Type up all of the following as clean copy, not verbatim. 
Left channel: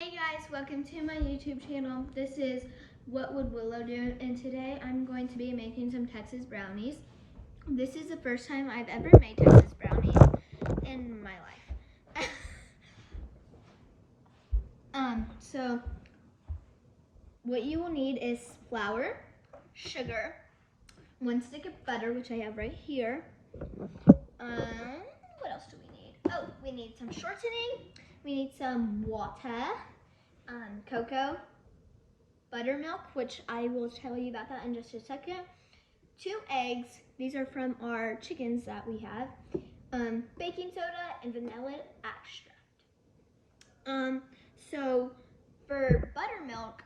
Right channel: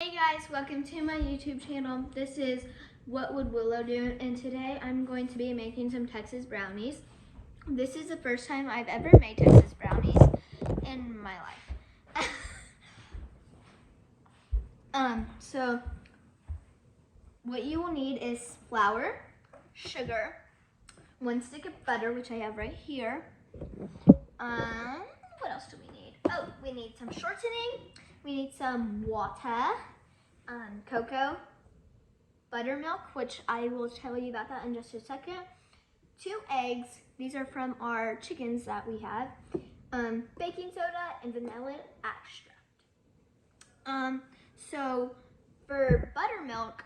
Hey guys, welcome to my YouTube channel. This is What Would Willow Do, and today I'm going to be making some Texas brownies. This is the first time I've ever made Texas brownies in my life. So what you will need is flour, sugar, 1 stick of butter, which I have right here. What else do we need? Oh, we need some shortening. We need some water, cocoa, buttermilk, which I will tell you about that in just a second. 2 eggs. These are from our chickens that we have. Baking soda and vanilla extract. So for buttermilk,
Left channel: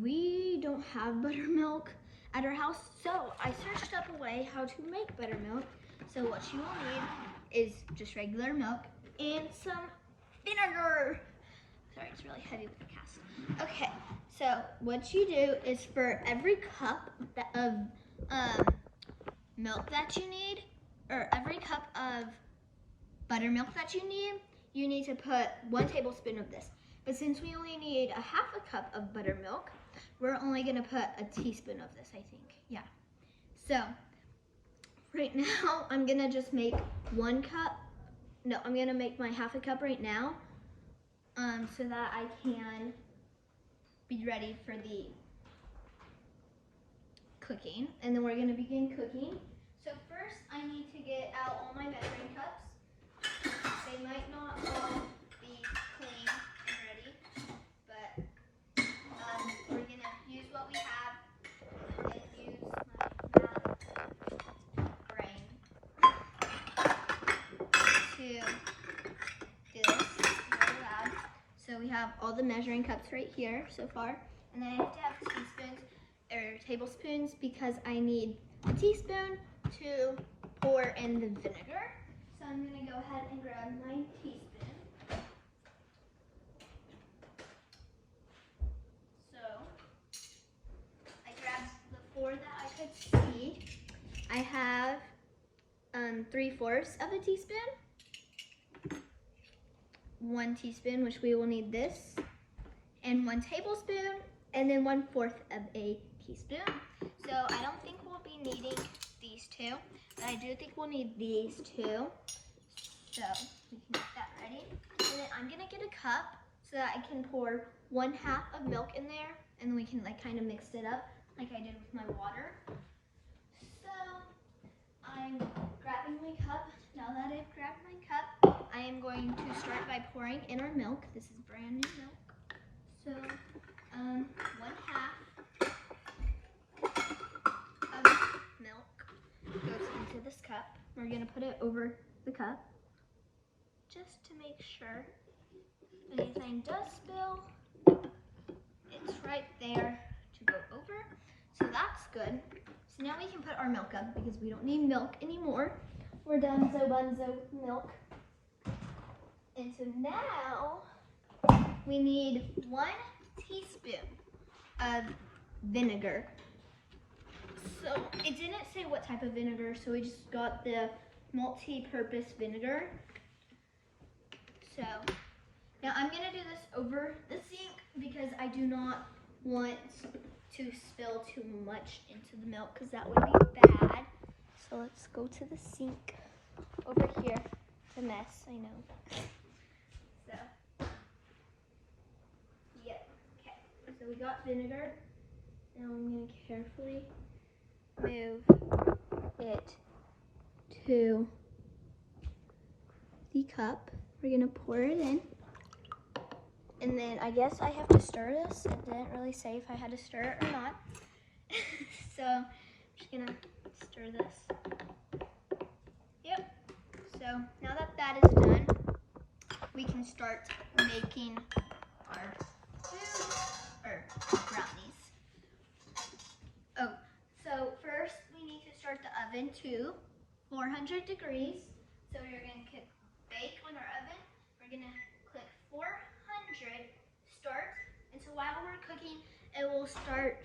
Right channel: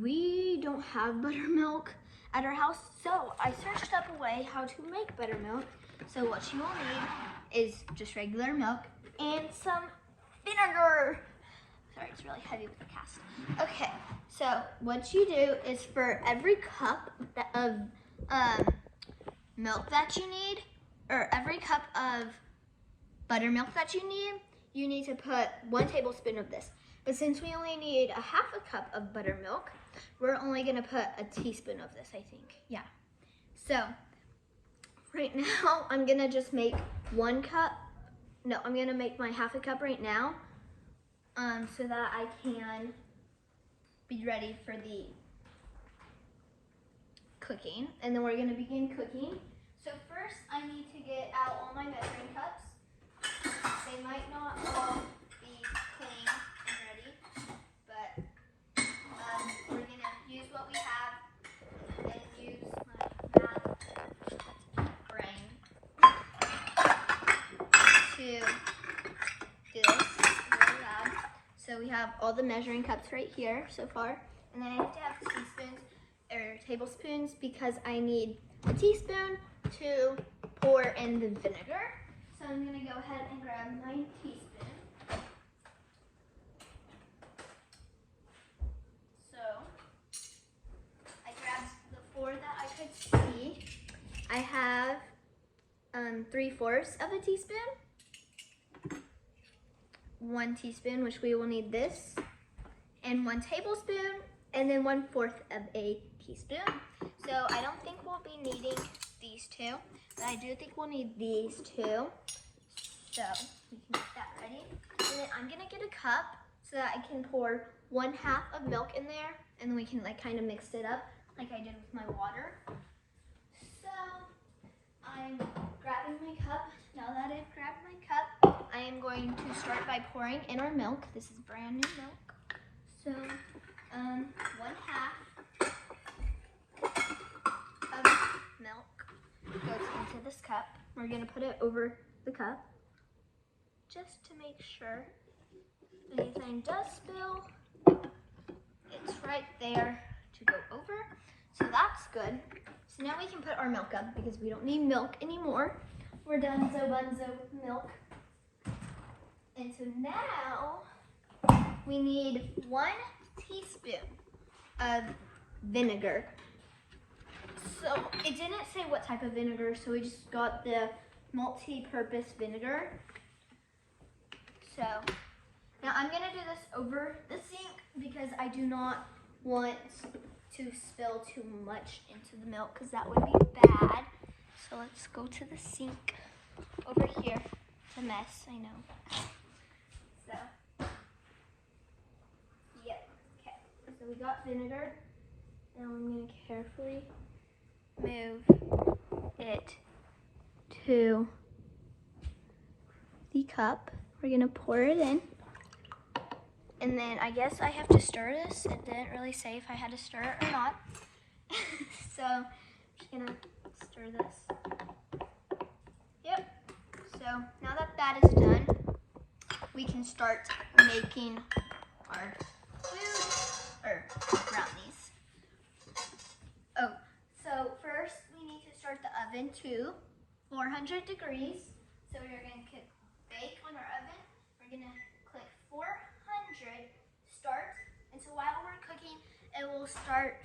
we don't have buttermilk at our house, so I searched up a way how to make buttermilk. So what you will need is just regular milk and some vinegar. Sorry, it's really heavy with the cast. Okay, so what you do is for every cup of milk that you need, or every cup of buttermilk that you need to put 1 tablespoon of this. But since we only need a half a cup of buttermilk, we're only gonna put a teaspoon of this, I think. Yeah. So right now, I'm gonna just make 1 cup. No, I'm gonna make my half a cup right now, so that I can be ready for the cooking. And then we're gonna begin cooking. So first, I need to get out all my measuring cups. They might not all be clean and ready, but we're gonna use what we have and use my math brain to do this. Really loud. So we have all the measuring cups right here so far, and then I have to have teaspoons or tablespoons because I need a teaspoon to pour in the vinegar. So I'm gonna go ahead and grab my teaspoon. So I grabbed the 4 that I could see. I have 3/4 of a teaspoon, 1 teaspoon, which we will need this, and 1 tablespoon, and then 1/4 of a teaspoon. So I don't think we'll be needing these 2, but I do think we'll need these 2. So we can get that ready. And then I'm gonna get a cup so that I can pour 1/2 of milk in there, and then we can like kind of mix it up like I did with my water. So I'm grabbing my cup. Now that I've grabbed my cup, I am going to start by pouring in our milk. This is brand new milk. So 1/2 of milk goes into this cup. We're gonna put it over the cup just to make sure if anything does spill, it's right there to go over. So that's good. So now we can put our milk up because we don't need milk anymore. We're done bunzo with milk. And so now we need 1 teaspoon of vinegar. So it didn't say what type of vinegar, so we just got the multi-purpose vinegar. So now I'm gonna do this over the sink because I do not want to spill too much into the milk because that would be bad. So let's go to the sink over here. It's a mess, I know. So, yep, okay. So we got vinegar. Now I'm gonna carefully move it to the cup. We're gonna pour it in. And then I guess I have to stir this. It didn't really say if I had to stir it or not. So I'm just gonna stir this. Yep. So now that that is done, we can start making our food, or brownies. Oh, so first we need to start the oven to 400 degrees. So we're gonna bake on our oven. We're gonna click 400 start, and so while we're cooking, it will start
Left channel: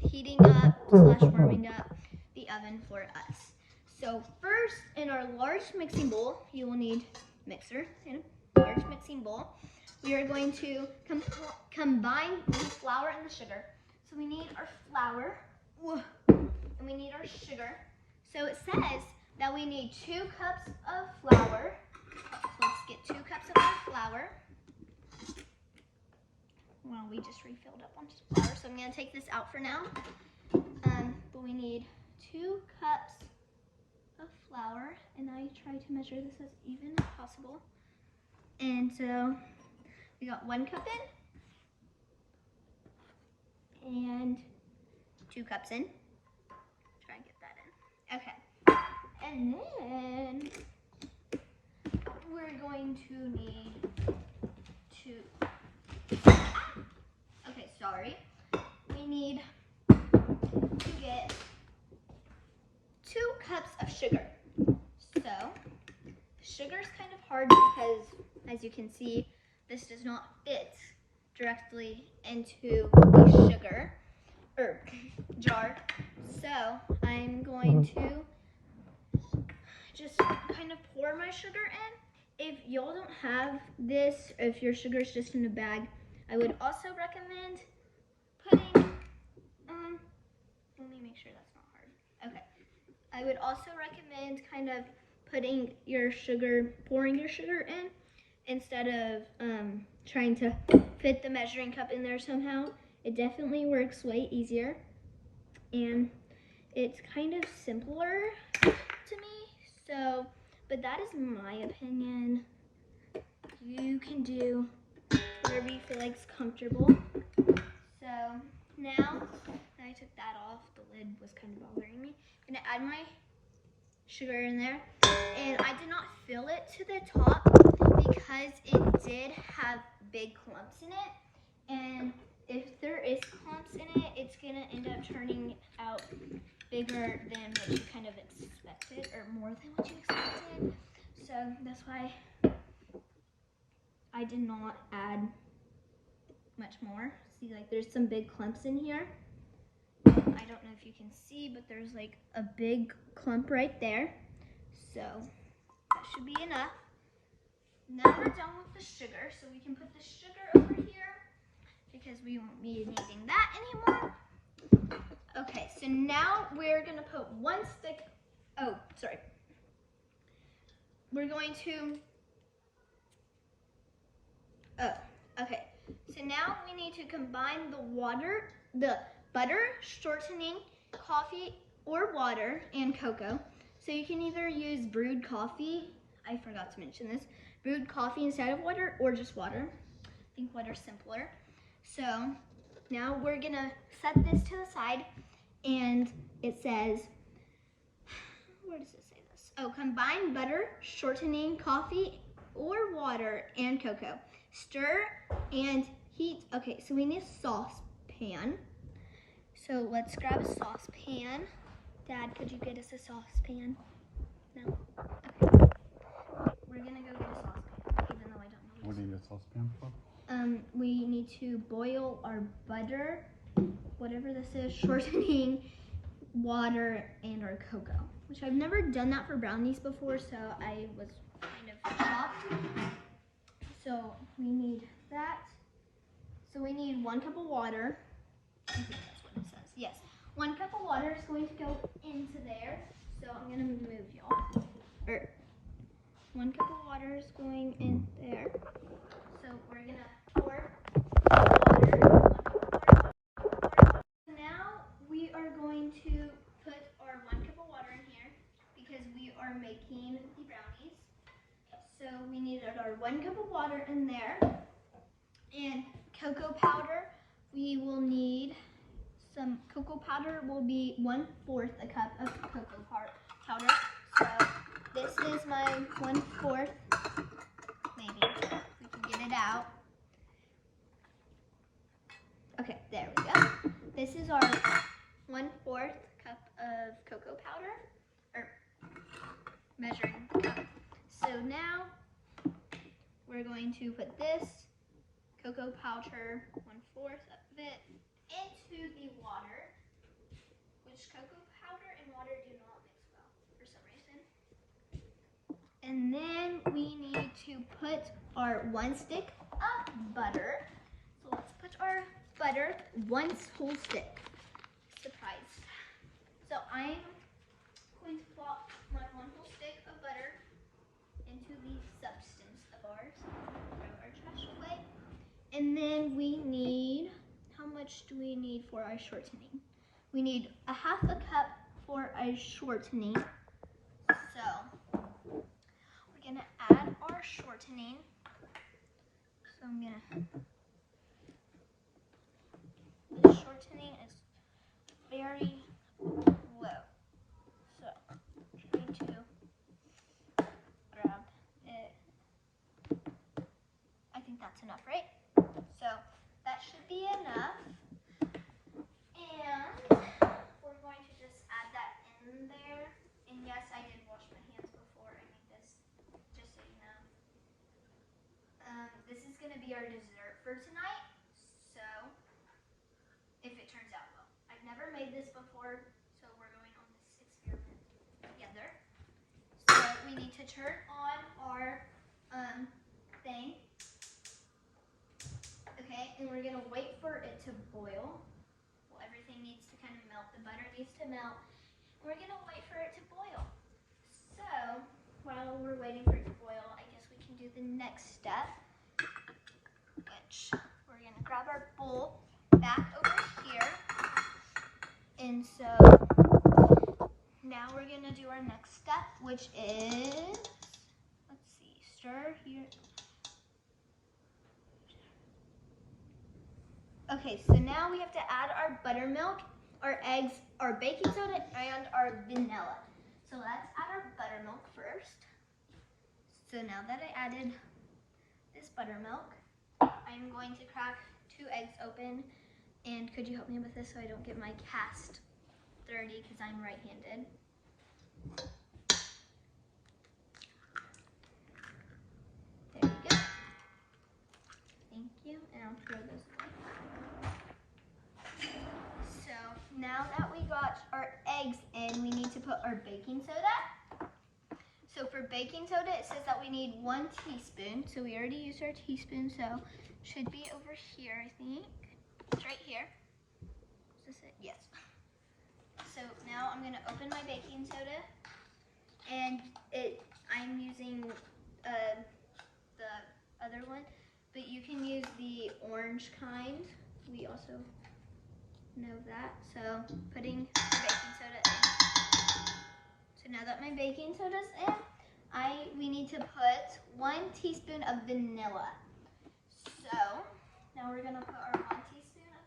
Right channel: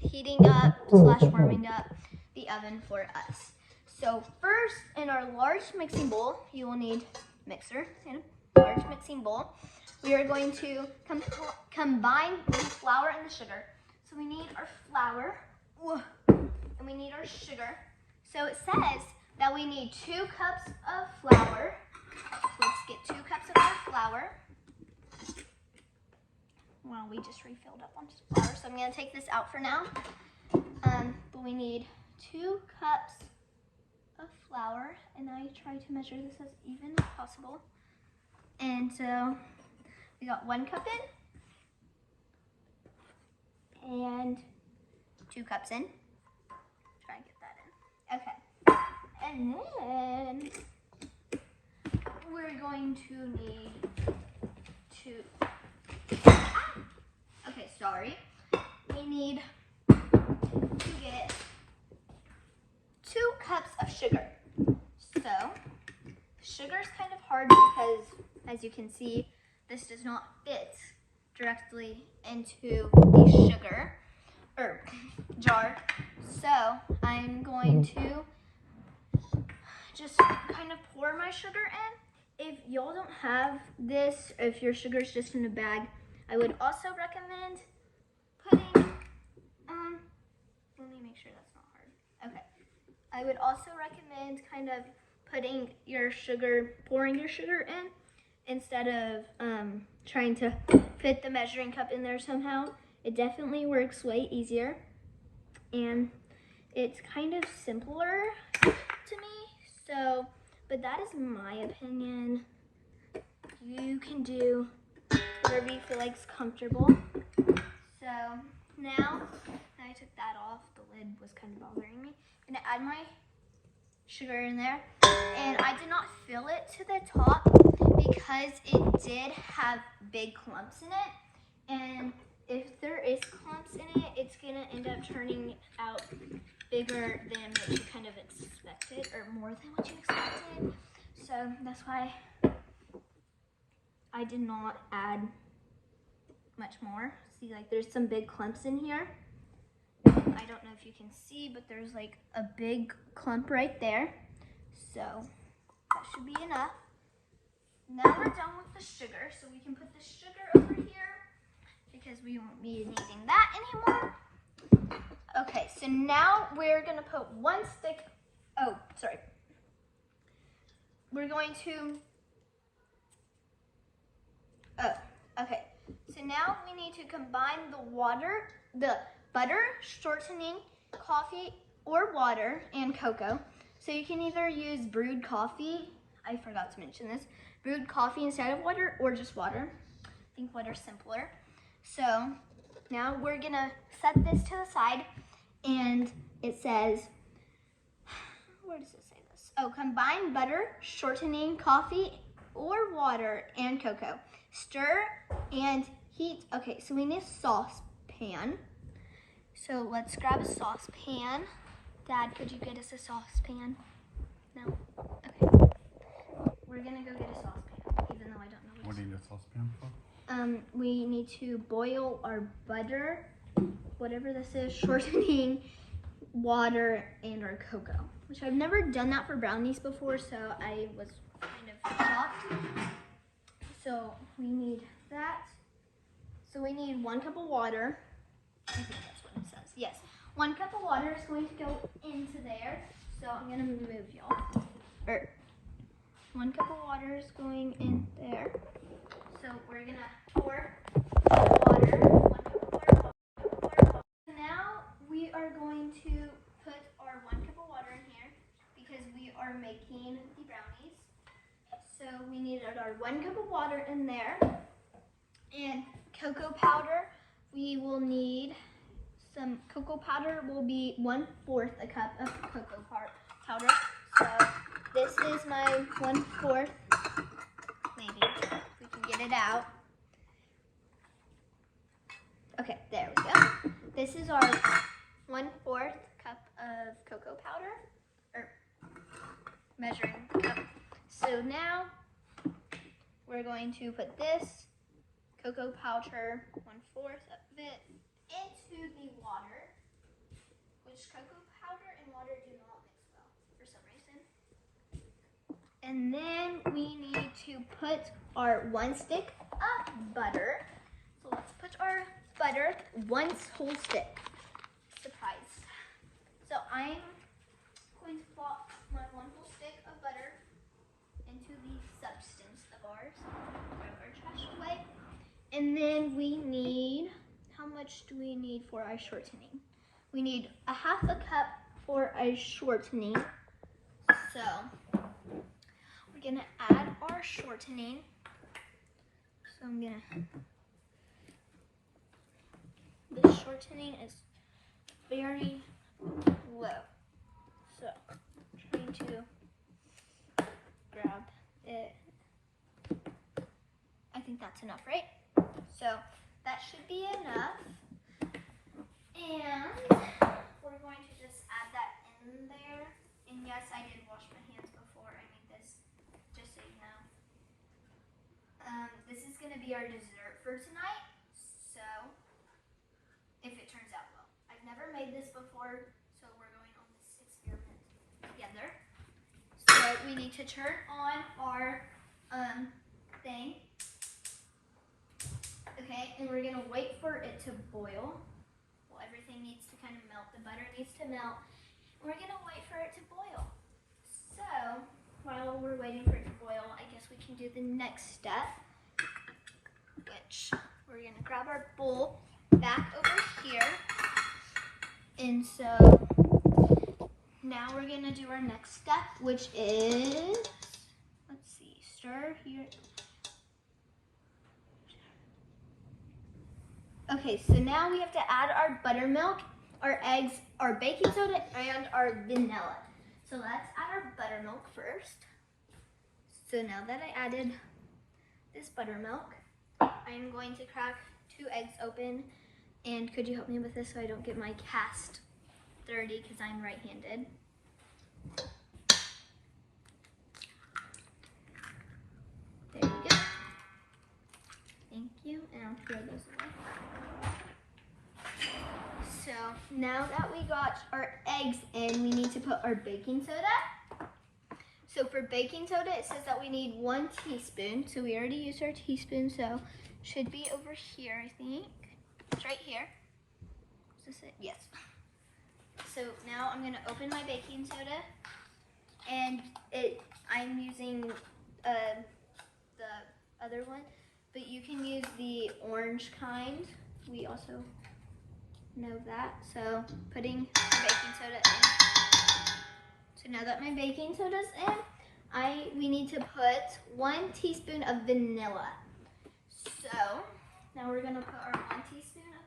heating up / warming up the oven for us. So first, in our large mixing bowl, you will need mixer and a large mixing bowl. we are going to combine the flour and the sugar. So we need our flour, and we need our sugar. So it says that we need 2 cups of flour. Let's get 2 cups of our flour. Well, we just refilled up on flour, so I'm gonna take this out for now. But we need 2 cups of flour, and I try to measure this as even as possible. And so we got 1 cup in and 2 cups in. Try and get that in. Okay. And then we're going to need we need to get 2 cups of sugar. So sugar is kind of hard because, as you can see, this does not fit directly into the sugar jar. So I'm going to just kind of pour my sugar in. If y'all don't have this, if your sugar is just in a bag, I would also recommend putting, let me make sure that's not hard. Okay. I would also recommend kind of putting your sugar, pouring your sugar in instead of trying to fit the measuring cup in there somehow. It definitely works way easier, and it's kind of simpler to me. So, but that is my opinion. You can do whatever you feel like is comfortable. So now that I took that off, the lid was kind of bothering me. I'm gonna add my sugar in there, and I did not fill it to the top because it did have big clumps in it, and if there is clumps in it, it's gonna end up turning out bigger than what you kind of expected, or more than what you expected. So that's why I did not add much more. See, like there's some big clumps in here. I don't know if you can see, but there's like a big clump right there. So that should be enough. Now we're done with the sugar, so we can put the sugar over here because we won't be needing that anymore. Okay, so now we're gonna put 1 stick, we're going to, okay. So now we need to combine the butter, shortening, coffee, or water, and cocoa. So you can either use brewed coffee, I forgot to mention this, brewed coffee instead of water, or just water. I think water's simpler. So now we're gonna set this to the side, and it says, where does it say this? Oh, combine butter, shortening, coffee, or water, and cocoa. Stir and heat. Okay, so we need a saucepan. So let's grab a saucepan. Dad, could you get us a saucepan? No? Okay. We're gonna go get a saucepan, even though I don't know what do you need a saucepan for? We need to boil our butter, whatever this is, shortening, water, and our cocoa, which I've never done that for brownies before, so I was kind of shocked. So we need that. So we need 1 cup of water. I think that's what it says. Yes. 1 cup of water is going to go into there. So I'm going to move y'all. 1 cup of water is going in there. So we're going to pour water. Now we are going to put our 1 cup of water in here because we are making the brownies. So we needed our 1 cup of water in there, and cocoa powder. We will need some cocoa powder. Will be 1/4 a cup of cocoa powder. So this is my 1/4. Maybe if we can get it out. Okay, there we go. This is our 1/4 cup of cocoa powder, or measuring cup. So now we're going to put this cocoa powder, 1/4 of it, into the water, which cocoa powder and water do not mix well for some reason. And then we need to put our 1 stick of butter. So let's put our butter, 1 whole stick. Surprise. So I'm going to plop my 1 whole stick of butter into the substance of ours. Grab our trash away. And then we need, how much do we need for our shortening? We need a 1/2 cup for our shortening. So we're gonna add our shortening. So I'm gonna, the shortening is very low. So I'm trying to grab it. I think that's enough, right? So that should be enough. And we're going to just add that in there. And yes, I did wash my hands before I made this, just so you know. This is going to be our dessert for tonight. So, if it turns out well. I've never made this before, so we're going on this experiment together. So, we need to turn on our thing. Okay, and we're going to wait for it to boil. Well, everything needs to kind of melt. The butter needs to melt. We're going to wait for it to boil. So, while we're waiting for it to boil, I guess we can do the next step, which we're going to grab our bowl back over here. And so, now we're going to do our next step, which is, let's see, stir here. Okay, so now we have to add our buttermilk, our eggs, our baking soda, and our vanilla. So let's add our buttermilk first. So now that I added this buttermilk, I'm going to crack 2 eggs open. And could you help me with this so I don't get my cast dirty because I'm right-handed? There you go. Thank you, and I'll throw those away. So now that we got our eggs in, we need to put our baking soda. So for baking soda, it says that we need 1 teaspoon. So we already used our teaspoon, so should be over here, I think. It's right here. Is this it? Yes. So now I'm gonna open my baking soda, and I'm using the other one, but you can use the orange kind. We also know that. So putting the baking soda in. So now that my baking soda's in, we need to put 1 teaspoon of vanilla. So now we're gonna put our 1 teaspoon of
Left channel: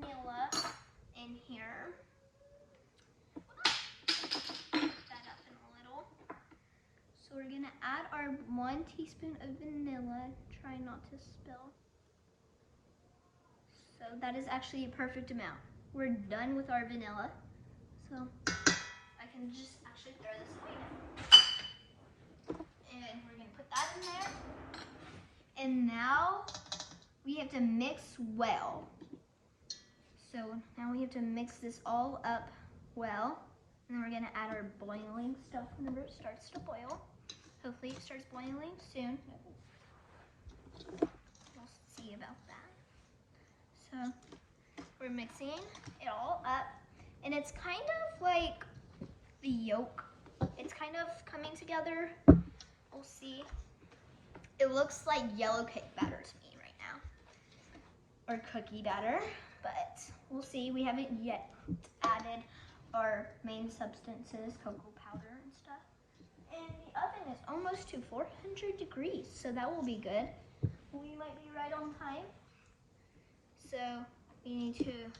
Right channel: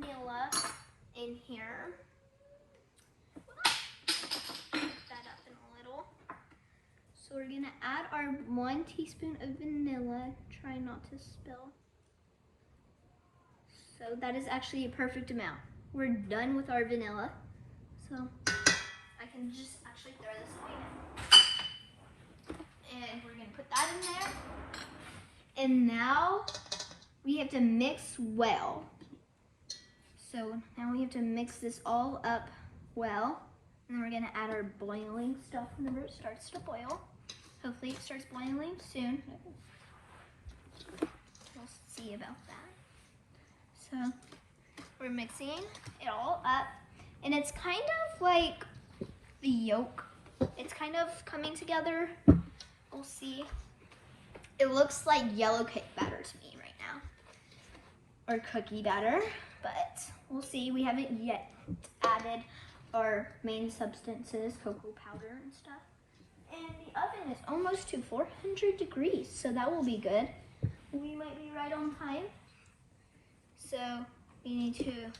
vanilla in here. Put that up in a little. So we're gonna add our 1 teaspoon of vanilla. Try not to spill. So that is actually a perfect amount. We're done with our vanilla. So I can just actually throw this away now. And we're gonna put that in there. And now we have to mix well. So now we have to mix this all up well. And then we're gonna add our boiling stuff whenever it starts to boil. Hopefully it starts boiling soon. We'll see about that. So we're mixing it all up. And it's kind of like the yolk. It's kind of coming together. We'll see. It looks like yellow cake batter to me right now. Or cookie batter, but we'll see. We haven't yet added our main substances, cocoa powder and stuff. And the oven is almost to 400 degrees, so that will be good. We might be right on time. So we need to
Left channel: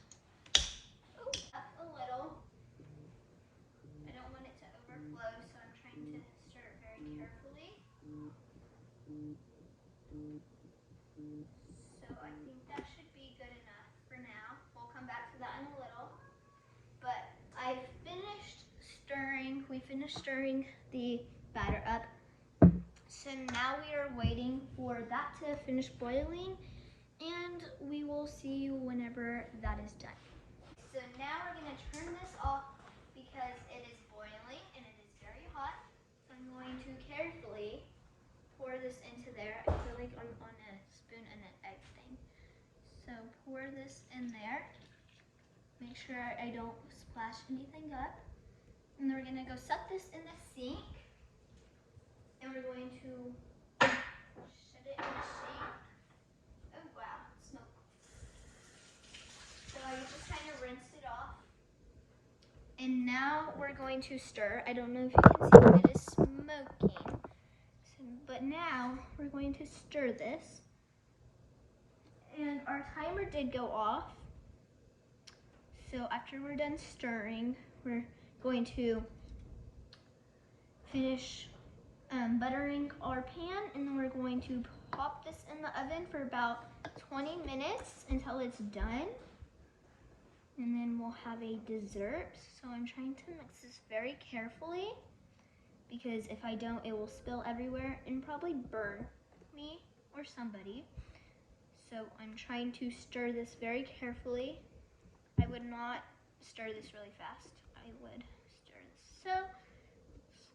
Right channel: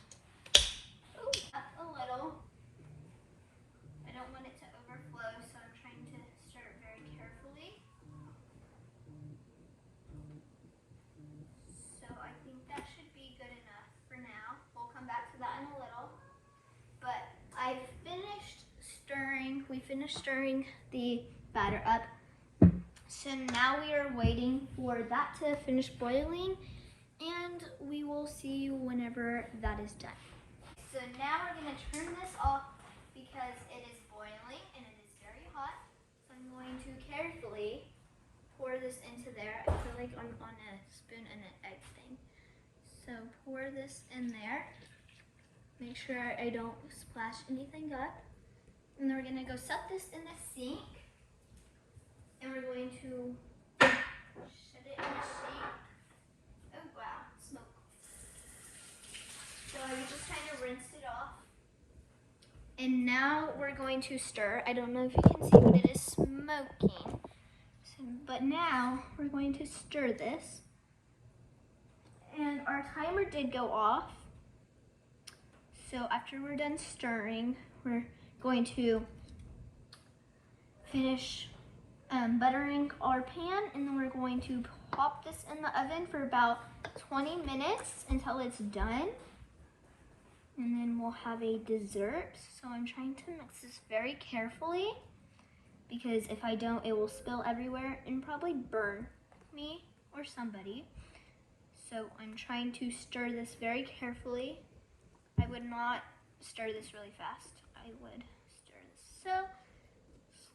up a little. I don't want it to overflow, so I'm trying to stir it very carefully. So I think that should be good enough for now. We'll come back to that in a little. But I finished stirring. We finished stirring the batter up. So now we are waiting for that to finish boiling, and we will see you whenever that is done. So now we're going to turn this off because it is boiling and it is very hot. So I'm going to carefully pour this into there. I feel like I'm on a spoon and an egg thing. So pour this in there. Make sure I don't splash anything up. And then we're gonna go set this in the sink. And we're going to shut it in the sink. Oh wow, smoke. So I just kind of rinsed it off. And now we're going to stir. I don't know if you can see, but it is smoking. But now we're going to stir this. And our timer did go off. So after we're done stirring, we're going to finish buttering our pan, and then we're going to pop this in the oven for about 20 minutes until it's done. And then we'll have a dessert. So I'm trying to mix this very carefully because if I don't, it will spill everywhere and probably burn me or somebody. So I'm trying to stir this very carefully. I would not stir this really fast. I would stir this so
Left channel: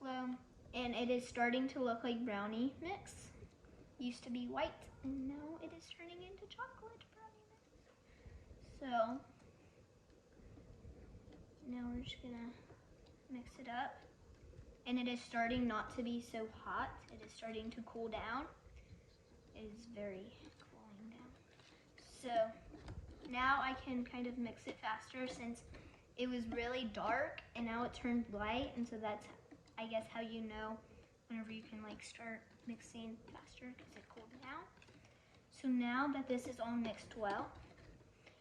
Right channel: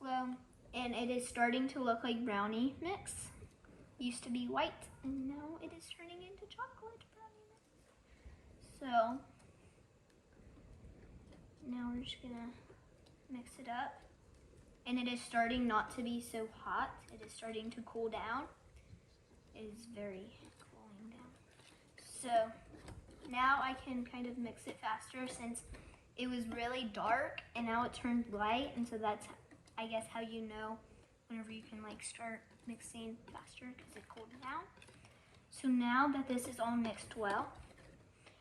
slow. And it is starting to look like brownie mix. Used to be white, and now it is turning into chocolate brownie mix. So now we're just gonna mix it up. And it is starting not to be so hot. It is starting to cool down. It is very cooling down. So now I can kind of mix it faster since it was really dark and now it turned light. And so that's, I guess, how you know whenever you can like start mixing faster because it cooled down. So now that this is all mixed well,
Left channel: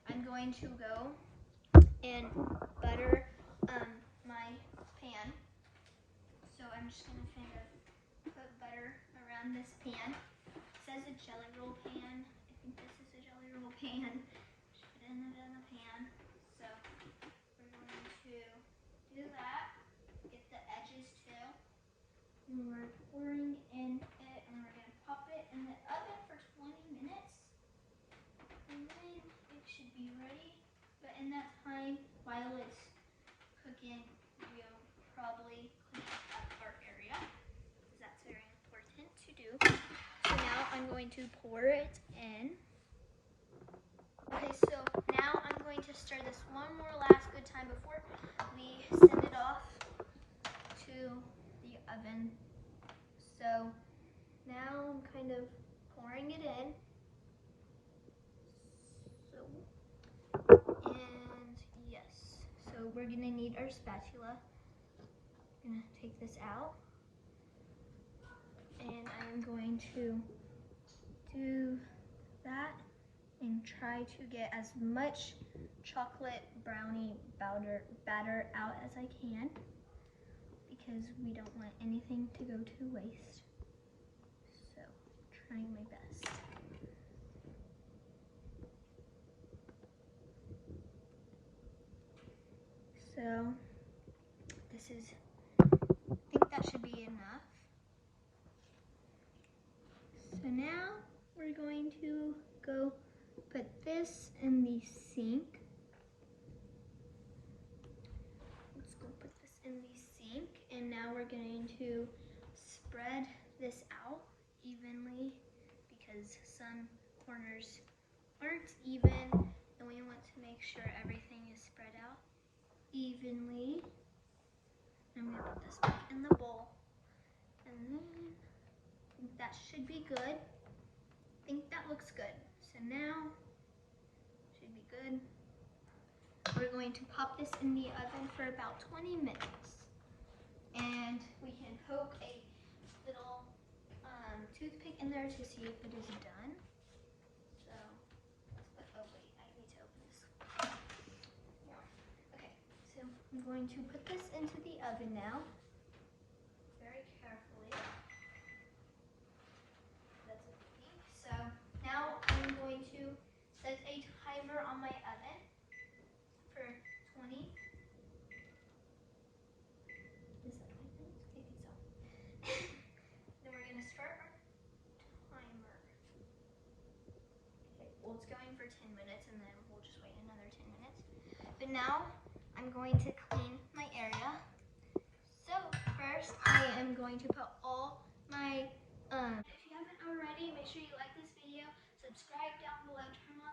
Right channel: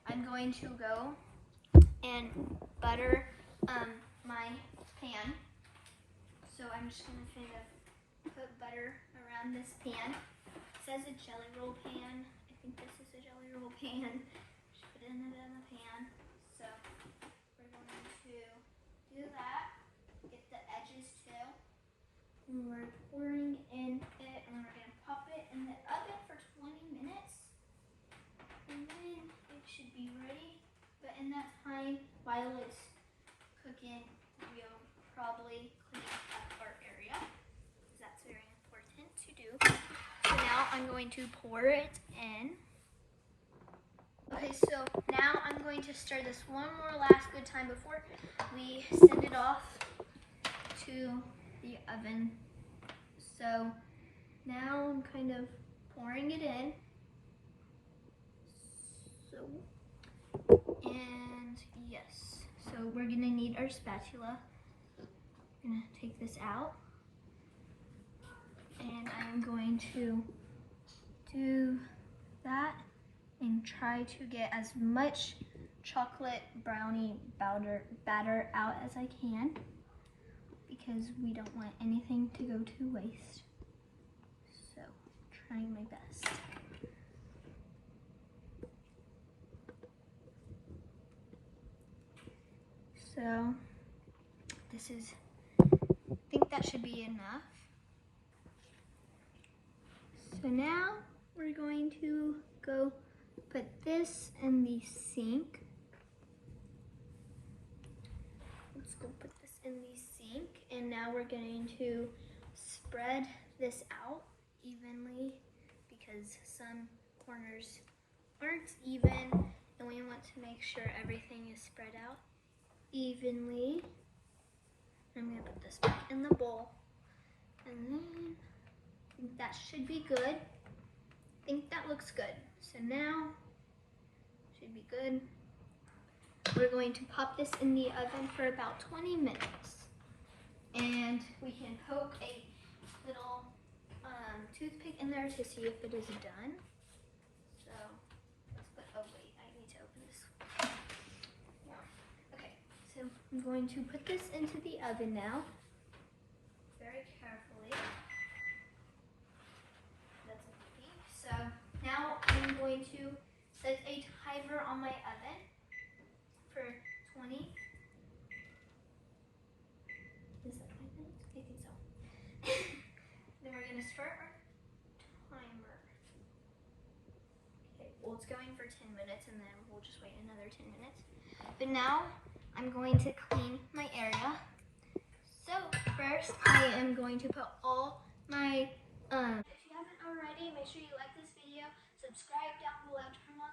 I'm going to go and butter my pan. So I'm just gonna kind of put butter around this pan. It says a jelly roll pan. I think this is a jelly roll pan. Just put it in the pan. So we're going to do that. Get the edges too. And we're pouring in it, and then we're gonna pop it in the oven for 20 minutes. And then it should be ready. But in that time, while it's cooking, we'll probably clean up our area, because that's very important to do. So now I'm going to pour it in. Okay, so now I'm going to stir this one more last good time before we send it off to the oven. So now I'm kind of pouring it in. And yes, so we're gonna need our spatula. I'm gonna take this out, and I'm going to do that and try to get as much chocolate brownie batter out as I can, because we don't want anything to go to waste. So, trying my best. So, this is, I think that should be enough. So now we're going to go put this in the sink. Let's go put this in the sink, and now we're going to spread this out evenly because some corners aren't even, and we want to make sure everything is spread out evenly. I'm gonna put this back in the bowl, and then I think that should be good. I think that looks good. So now, should be good. We're going to pop this in the oven for about 20 minutes. And we can poke a little toothpick in there to see if it is done. So, let's put, oh wait, I need to open this. Yeah. Okay, so I'm going to put this into the oven now. Very carefully. That's a biggie. So, now I'm going to set a timer on my oven for 20. Is that 20 minutes? I think so. Then we're gonna start our timer. Okay, well it's going for 10 minutes and then we'll just wait another 10 minutes. But now I'm going to clean my area. So first I am going to put all my, if you haven't already, make sure you like this video, subscribe down below, turn on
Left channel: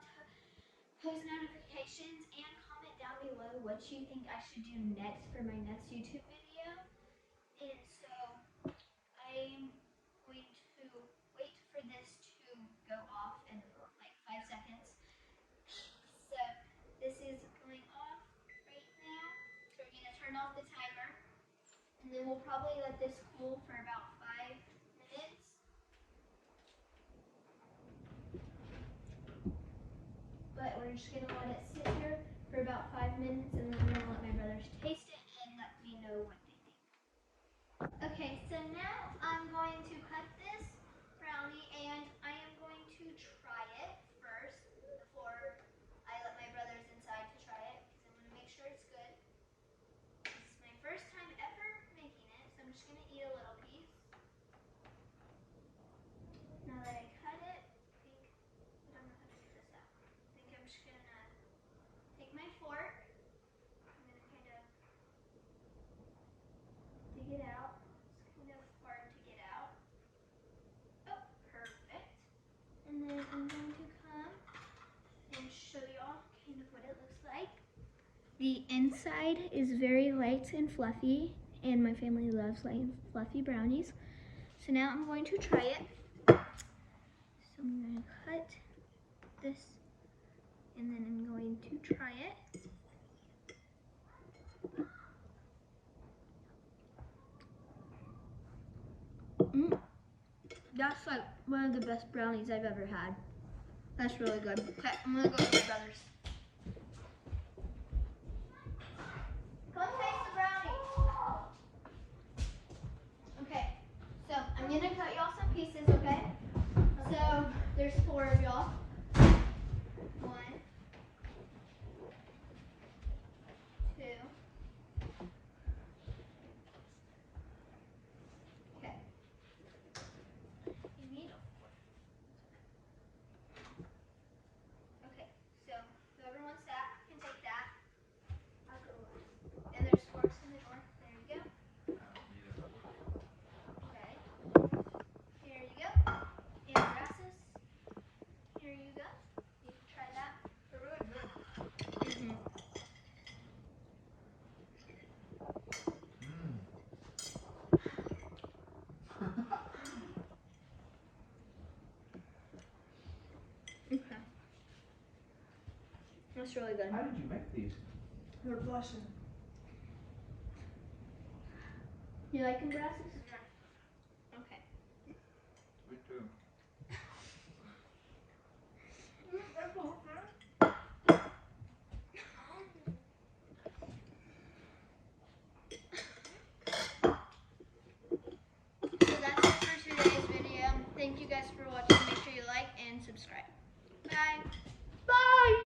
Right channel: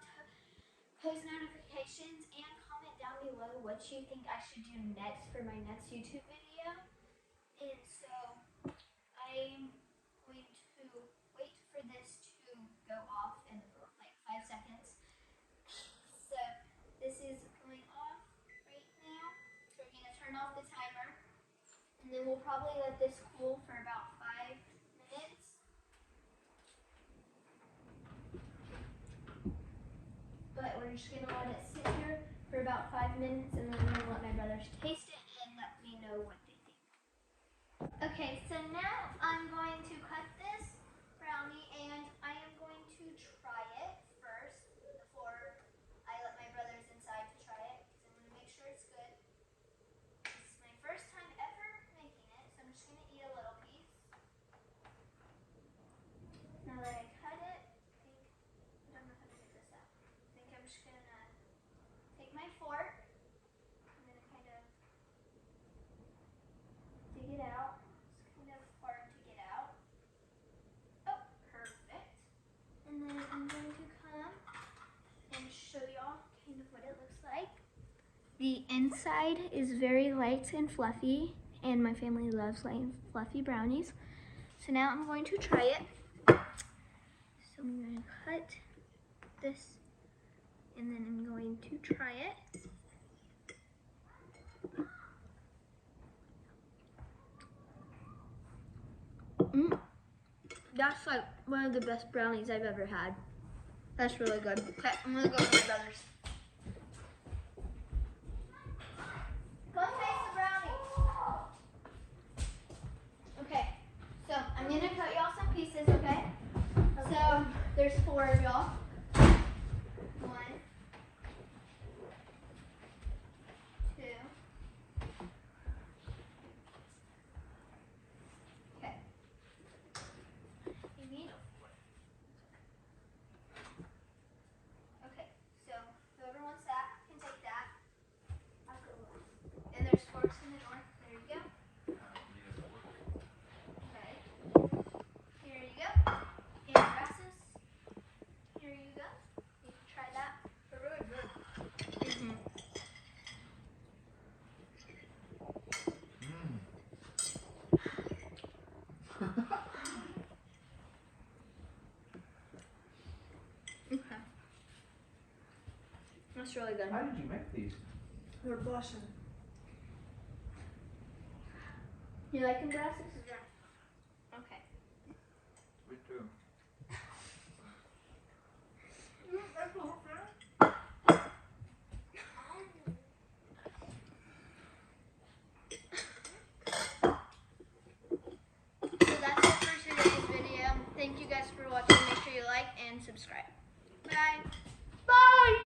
post notifications, and comment down below what you think I should do next for my next YouTube video. And so I'm going to wait for this to go off in like 5 seconds. So this is going off right now. So we're going to turn off the timer. And then we'll probably let this cool for about 5 minutes. But we're just going to let it sit here for about 5 minutes, and then I'm going to let my brothers taste it and let me know what they think. Okay, so now I'm going to cut this brownie, and I am going to try it first before I let my brothers inside to try it, because I want to make sure it's good. This is my first time ever making it, so I'm just going to eat a little piece. Now that I cut it, I don't know how to get this out. I think I'm just going to take my fork. I'm going to kind of dig it out. It's kind of hard to get out. Oh, perfect. And then I'm going to come and show y'all kind of what it looks like. The inside is very light and fluffy, and my family loves light and fluffy brownies. So now I'm going to try it. So I'm going to cut this, and then I'm going to try it. That's like one of the best brownies I've ever had. That's really good. Okay, I'm gonna go with my brothers. Go taste the brownies. Okay, so I'm gonna cut y'all some pieces, okay? So there's 4 of y'all. 1, 2. Okay. You need a fork. Okay, so whoever wants that can take that. I'll go with it. And there's forks in the door. There you go. Okay. Here you go. And grasses. Here you go. You can try that. They're really good. That's really good. How did you make these? They're blushing. You like them, grasses? Yeah. Okay. Me too. That's the whole thing? So that's it for today's video. Thank you guys for watching. Make sure you like and subscribe. Bye.